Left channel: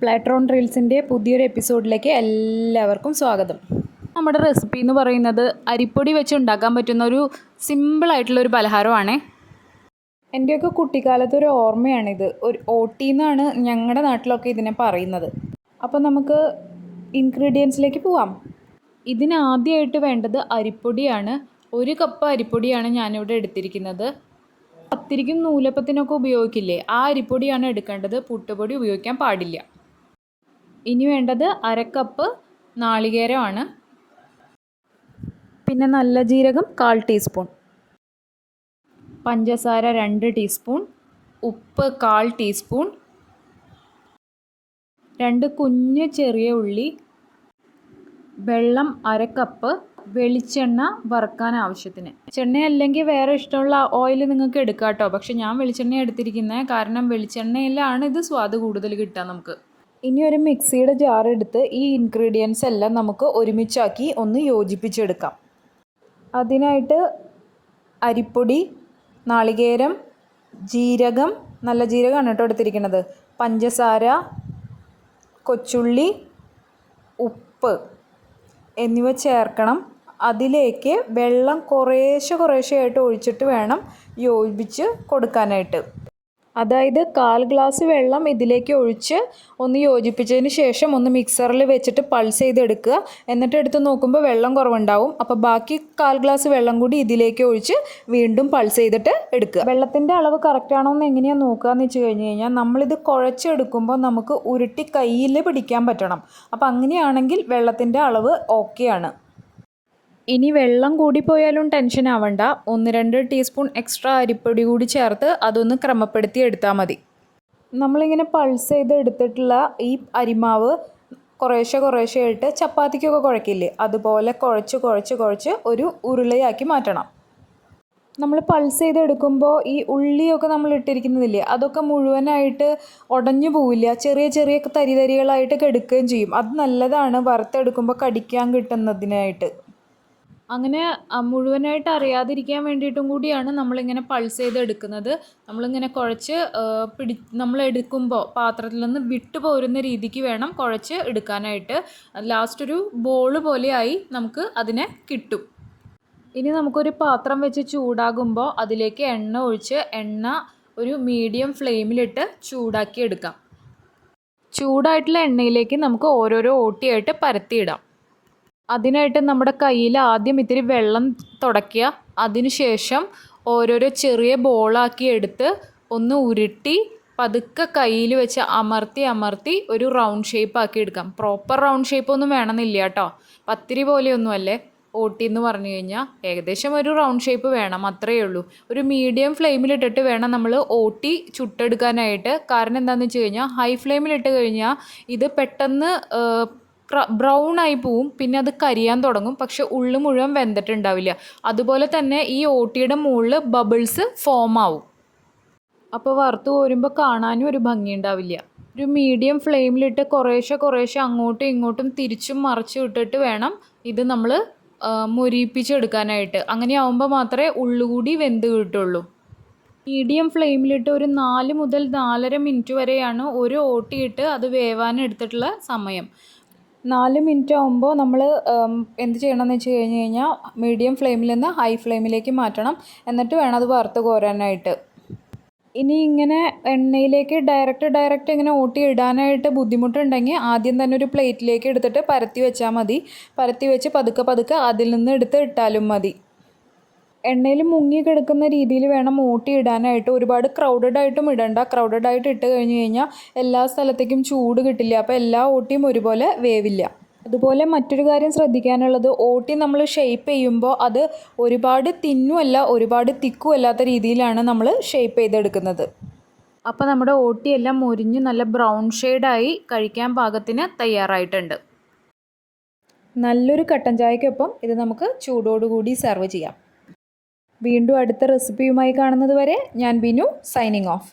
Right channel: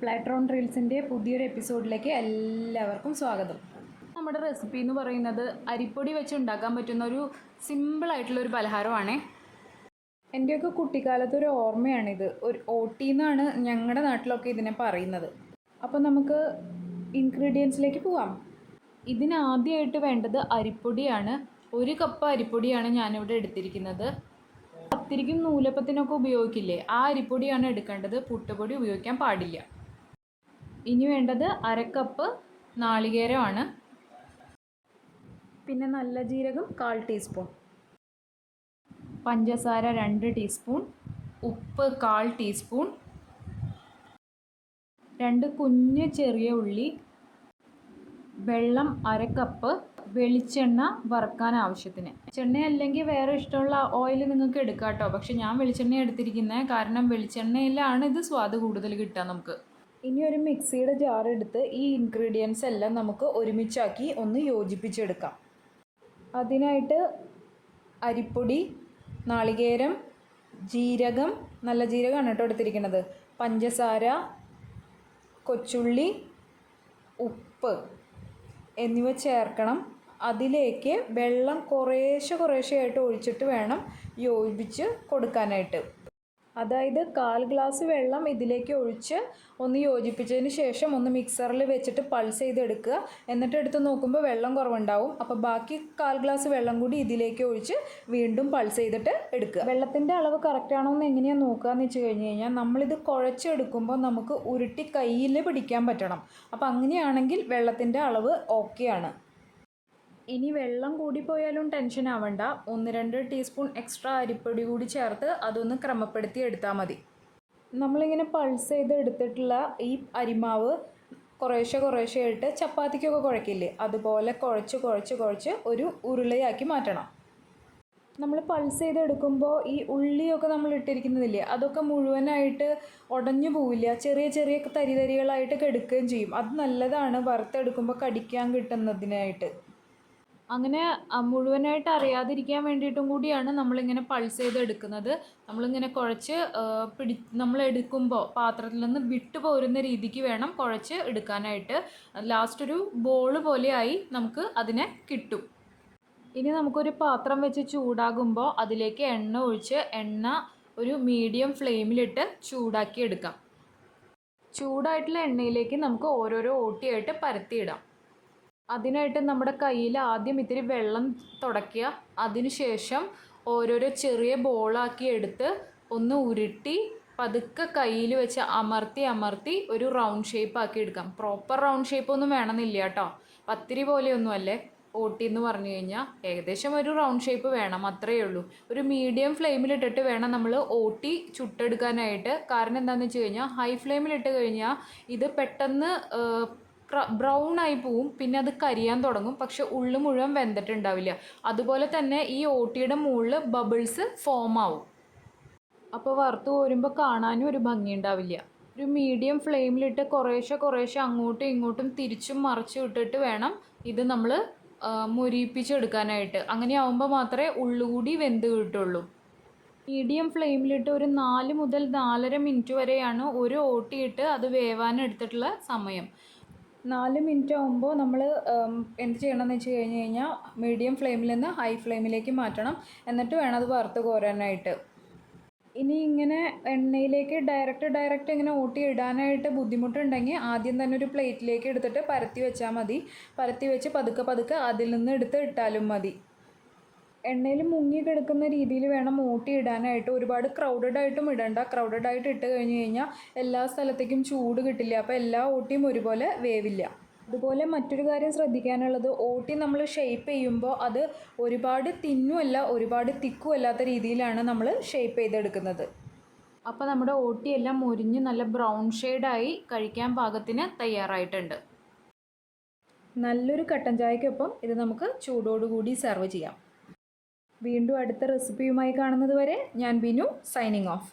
പ്ലാട്രോൺ റീൽസിൻ്റെ പുതിയൊരു എപ്പിസോഡിലേക്ക് എല്ലാവർക്കും സ്വാഗതം. നമ്മുടെ റെസിപ്പി എന്ന് പറയുന്നത് അരിപ്പൊടി വെച്ച് ഉണ്ടാക്കാൻ പറ്റുന്ന ഒരു സിമ്പിളായിട്ടുള്ളൊരു പലഹാരമാണ്. എൻ്റെയൊക്കെ കുട്ടിക്കാലത്തൊരു ഓർമ്മയാണിത്. ഒരു ഓട്ടി എന്നാണ് ഞങ്ങളുടെ നാട്ടിലൊക്കെ ഇതിനെ പറയുന്നത്. അപ്പോൾ നമുക്ക് ഇൻഗ്രീഡിയൻസിലേക്ക് പോവാം. ഇതിനാദ്യമായിട്ട് വേണ്ടത് അരിപ്പൊടിയാണ്. 1 കപ്പ് അരിപ്പൊടിയാണ് ഞാനിവിടെ എടുത്തിരിക്കുന്നത്. പത്തിരിക്കും നൂലപ്പത്തിനൊക്കെ ഉപയോഗിക്കില്ലേ, ആ അരിപ്പൊടിയാണ് എടുക്കേണ്ടത്. പുട്ടുപൊടി ഉപയോഗിക്കാൻ പാടില്ല. ഇനി വേണ്ടത് 1/2 കപ്പ് നാളികേരമാണ്. പിന്നെ നല്ല ജീരകം 1/4 ടീസ്പൂൺ, പഞ്ചസാര 2 ടീസ്പൂൺ, ഉപ്പ് 1/4 ടീസ്പൂൺ, 2 കുഞ്ഞ് ചെറിയ ഉള്ളി, വെള്ളം 1/2 കപ്പ്, വെളിച്ചെണ്ണ വറുക്കാൻ ആവശ്യത്തിന്. വെളിച്ചെണ്ണ അല്ലെങ്കിൽ വേറെ ഇഷ്ടമുള്ള ഓയിൽ നിങ്ങൾക്ക് എടുക്കാം കേട്ടോ. പക്ഷെ ഞാൻ വെളിച്ചെണ്ണ എടുത്തിരിക്കുന്നത്, കാരണം വെളിച്ചെണ്ണയിലാണ് ഇത് സ്വാദ് കൂടുതൽ കിട്ടുക നമുക്ക്. ഇനി ഒരു മിക്സിയുടെ ജാർ എടുത്ത് ഈ ഇൻഗ്രീഡിയൻസ് എല്ലാം നമുക്ക് ഒരുമിച്ചാക്കി ഒന്ന് യോജിപ്പിച്ചെടുക്കാം. അതിനായിട്ട് അരിപ്പൊടി, നാളികേരം, ജീരകം, നല്ല ജീരകമാണ് കേട്ടോ എടുത്തിരിക്കുന്നത്, പഞ്ചസാര, കൊച്ചുള്ളി, ഉപ്പ് എന്നിവ ചേർക്കണം. അതിലേക്ക് വെള്ളം കുറേശ്ശെയായിട്ട് ഒഴിച്ചിട്ട് വേണം യോജിപ്പിച്ച് കൊടുക്കാനായിട്ട്. അതായത് 1/4 ഗ്ലാസ് വെള്ളം ഇതിലേക്ക് ഒഴിച്ച് ഒന്ന് യോജിപ്പിച്ചതിന് ശേഷം ഒന്ന് മിക്സറിൽ വെച്ചിട്ട് പൾസ് ചെയ്തെടുക്കുക. എന്നിട്ട് എടുത്ത് നോക്കുമ്പോൾ വെള്ളം കുറവുണ്ടാവും. അപ്പോൾ ബാക്കി 1/4 ഗ്ലാസ് വെള്ളം കൂടി ഇതിലേക്ക് ഒഴിച്ച് വീണ്ടും പൾസ് ചെയ്തിട്ട് എടുക്കുക. വെള്ളത്തിൻ്റെ അളവ് കറക്റ്റാണോ എന്ന് എങ്ങനെയാണ് നോക്കുക എന്ന് വെച്ച് കഴിഞ്ഞ് കഴിഞ്ഞാൽ, നമ്മളിത് കുഴച്ചെടുക്കുമ്പോൾ നമുക്ക് ഉരുട്ടി കയ്യിൽ പിടിക്കാൻ പറ്റണം. അപ്പോൾ അങ്ങനെയാണെങ്കിൽ വെള്ളത്തിൻ്റെ അളവ് ഓക്കെയാണ്. ഇനി വെള്ളം കൂടിപ്പോയാലും ടെൻഷൻ ആവണ്ട. 1-2 ടീസ്പൂൺ എക്സ്ട്രാ അരിപ്പൊടി കൂടി ചേർത്ത് അതൊന്ന് ക്രമപ്പെടുത്തി എടുത്താൽ മതി. നമ്മളിങ്ങനെ പൾസ് ചെയ്ത് എടുത്തിട്ടുള്ള ഈ അരിമാവ് കുറേശ്ശെയായിട്ട് ചപ്പാത്തിക്കൊക്കെ കുഴക്കില്ലേ, അതുപോലെ കുഴച്ച് ഒരു ഉരുളയാക്കി മാറ്റണം. നമ്മൾ പൾസ് ചെയ്തെടുക്കുമ്പോൾ ഈ ഉള്ളിയൊക്കെ നമ്മൾ ഇട്ടിരിക്കുന്നതില്ലേ, അതൊക്കെ മുഴുവനായിട്ട് ഉടഞ്ഞു പോവില്ല. ചെറിയ തരികളായിട്ട് എടുക്കുകയും ചെയ്യും. അത് നല്ലതാണ് വറുത്തെടുക്കുമ്പോൾ കടിക്കാൻ കിട്ടുന്നതിനായിട്ട്. അങ്ങനെ മുഴുവനായിട്ട് അറിയാതിരിക്കാൻ വേണ്ടിയിട്ടും കൂടിയാണ് നമ്മളിങ്ങനെ പൾസ് ചെയ്തെടുക്കുന്നത്. നമ്മളിങ്ങനെ കുഴച്ച് നമ്മളെടുക്കുമ്പോൾ പാത്രത്തിൽ നിന്ന് വിട്ടു പോരുന്ന രീതിക്ക് വേണം കുഴച്ച് എടുക്കാനായിട്ട്. ലാസ്റ്റ് ഒരു ബോൾ പോലെയായി നമുക്ക് അതിനെ കിട്ടും. ഇനി നമുക്കൊരു പാത്രം വെച്ച് ചൂടാകുമ്പോൾ അതിലേക്ക് എണ്ണ ഒഴിച്ച് ഒരു മീഡിയം ഫ്ലെയിമിലിട്ട് ചൂടാക്കി എടുക്കാം. ചൂടായിട്ടുള്ള എണ്ണയിലേക്ക് നമുക്ക് ഓരോരോ ഓട്ടിയായിട്ട് പരത്തിയിടാം. അതിനായിട്ട് നമ്മുടെ കയ്യിൽ ആദ്യം ഇത്തിരി വെള്ളം തുടയ്ക്കുക. അതിനുശേഷം ഓരോരോ ചെറിയ ബോളാക്കി എടുത്ത് ഒന്ന് ഉരുട്ടി പതുക്കെ കയ്യിൽ വെച്ച് അമർത്തി ഒരു റൗണ്ട് ഷേപ്പ് ആക്കി എടുക്കാം. പ്രോപ്പർ റൗണ്ട് ഷേപ്പൊന്നും വേണമെന്നില്ല കേട്ടോ. പത്തിരി പോലെയൊന്നുമല്ലേ ഓട്ടി എന്ന് പറഞ്ഞു കഴിഞ്ഞാൽ. ഏകദേശം ഒരു റൗണ്ട് ഷേപ്പ് വേണം, അത്രയേ ഉള്ളൂ. ഒരു മീഡിയം ഫ്ലെയിമിലിട്ടിട്ട് വേണം നമ്മൾ ഓട്ടി ചുട്ടെടുക്കാനായിട്ട്. കാരണം എന്താണെന്ന് വെച്ച് കഴിഞ്ഞാൽ, ഹൈ ഫ്ലെയിമിലിട്ട് കഴിഞ്ഞാൽ ഇത് പെട്ടെന്ന് ബ്രൗൺ ആയി പോവും. പിന്നെ അത് കരിയാൻ തുടങ്ങും. പക്ഷെ ഉള്ളു മുഴുവൻ വെന്തിട്ടുണ്ടാവില്ല. അതുപോലെ തന്നെ ഈ ഓട്ടിയുടെ മുകളിൽ ബബിൾസ് ഫോം ആവും. അപ്പോൾ വറുത്ത് കോരുമ്പോൾ കാണാനും ഒരു ഭംഗി ഉണ്ടാവില്ല. ഒരു മീഡിയം ഫ്ലെയിമിലിട്ട് കുറേശ്ശെ അങ്ങോട്ടും ഇങ്ങോട്ടും തിരിച്ചും മറിച്ചും ഇട്ടിട്ട് വേണം ഇത് നമ്മൾ മൊരിയിപ്പിച്ചെടുക്കാനായിട്ട്. അങ്ങനെ ആവുമ്പോൾ മാത്രമേ ഉള്ളുകൂടി വെന്ത് കിട്ടുള്ളൂ. മീഡിയം ഫ്ലെയിമിലിട്ട് ഒരു 4 മുതൽ 4.5 മിനിറ്റ് വരെയാണ് ഒരു ഓട്ടിയിട്ട് അത് വേവാൻ എടുത്തിട്ടുള്ള സമയം. 4 മിനിറ്റ് ആകുമ്പോൾ നമ്മൾ എന്ത് ചെയ്യണമെന്ന് വെച്ച് കഴിഞ്ഞ് കഴിഞ്ഞാൽ, മീഡിയം ഫ്ലെയിമിൽ നിന്ന് ഹൈ ഫ്ലെയിമിലേക്ക് മാറ്റണം. എന്നിട്ട് വേണം അത് വറുത്ത് കോരാനായിട്ട്. ഇനി ഇങ്ങനെ എണ്ണയിലേക്ക് ഡയറക്റ്റ് ഇങ്ങനെ ഓട്ടി ഇടാനായിട്ട് ബുദ്ധിമുട്ടുണ്ടെങ്കിൽ ആദ്യം തന്നെ ഒരു പ്ലേറ്റിലേക്ക് എടുത്തിട്ട് പരത്തി വെച്ചാൽ മതി. പരത്തി വെച്ച് പതുക്കെ അതിൽ നിന്ന് എടുത്ത് ഇട്ടാലും മതി. എണ്ണയിൽ മുങ്ങി കിടക്കുന്ന രീതിയിൽ വേണം ഓട്ടി ഇടാനായിട്ട്. ഒരുപാട് ക്രൗഡഡായിട്ടും ഇടണ്ട. ക്രൗഡഡായിട്ട് ഇട്ട് കഴിഞ്ഞ് കഴിഞ്ഞാൽ എല്ലാ സ്ഥലത്തേക്കും ചൂട് കിട്ടില്ല. അപ്പോൾ എല്ലാ ഓട്ടിയും ഒരുപോലെ വേവില്ല. അതുപോലെ മറ്റൊരു കാര്യം ശ്രദ്ധിക്കാനുള്ളത്, ഓട്ടി നമ്മൾ ഷേപ്പ് ചെയ്യുമ്പോൾ അത് ഒരുപാട് തിന്നുമല്ല ഒരുപാട് തിക്കും അല്ലാത്ത രീതിയിലാണ് നമ്മൾ ഷേപ്പ് ചെയ്തെടുക്കുന്നത്. അപ്പോൾ നമ്മുടെ ഓട്ടിയെല്ലാം മുരിഞ്ഞ് നല്ല ബ്രൗൺ ഷെയ്ഡായി കഴിക്കാൻ പാകത്തിന് തയ്യാറായിട്ടുണ്ട്. നല്ലൊരു കട്ടൻ ചായക്കൊപ്പം ഇത് നമുക്ക് ചൂടോടുകൂടി സെർവ് ചെയ്യാം. വീണ്ടും അടുത്ത റെസിപ്പിയുമായി കാണുന്നത് വരെ ഞാൻ ബിനു, സൈനിങ് ഓഫ്.